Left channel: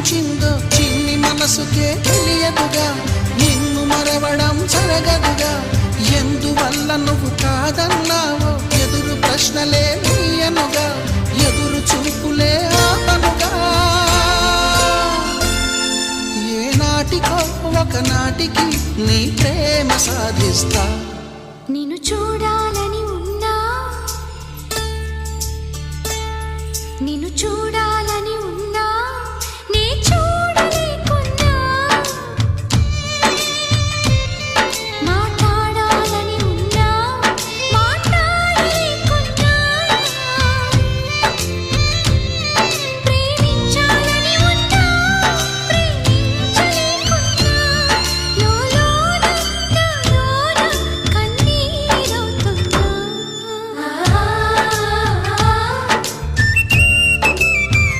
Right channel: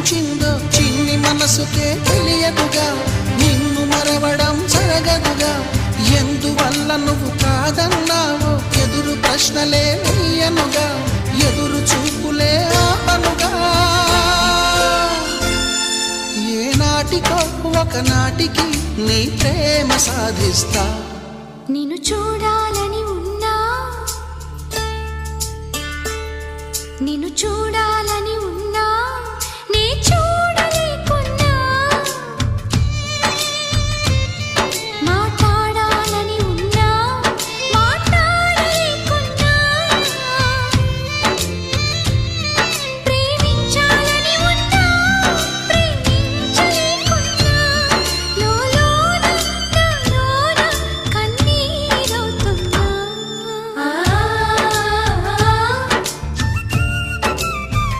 సాధించిందో చిన్ని మనసుకే తెలియదుగా, నిన్ను మరవడం జరగదుగా. ఎందువల్ల నువ్వు కాదన్నావో ఎదురు ప్రశ్నలే వేయనుగా, ఎదురు చూపులే ఆపనుగా. ఏనాటికో ఒకనాటికి నీ ప్రేమ సాధిస్తా. నిన్ను చూడాలని ఉన్నా, నిన్ను చూడాలి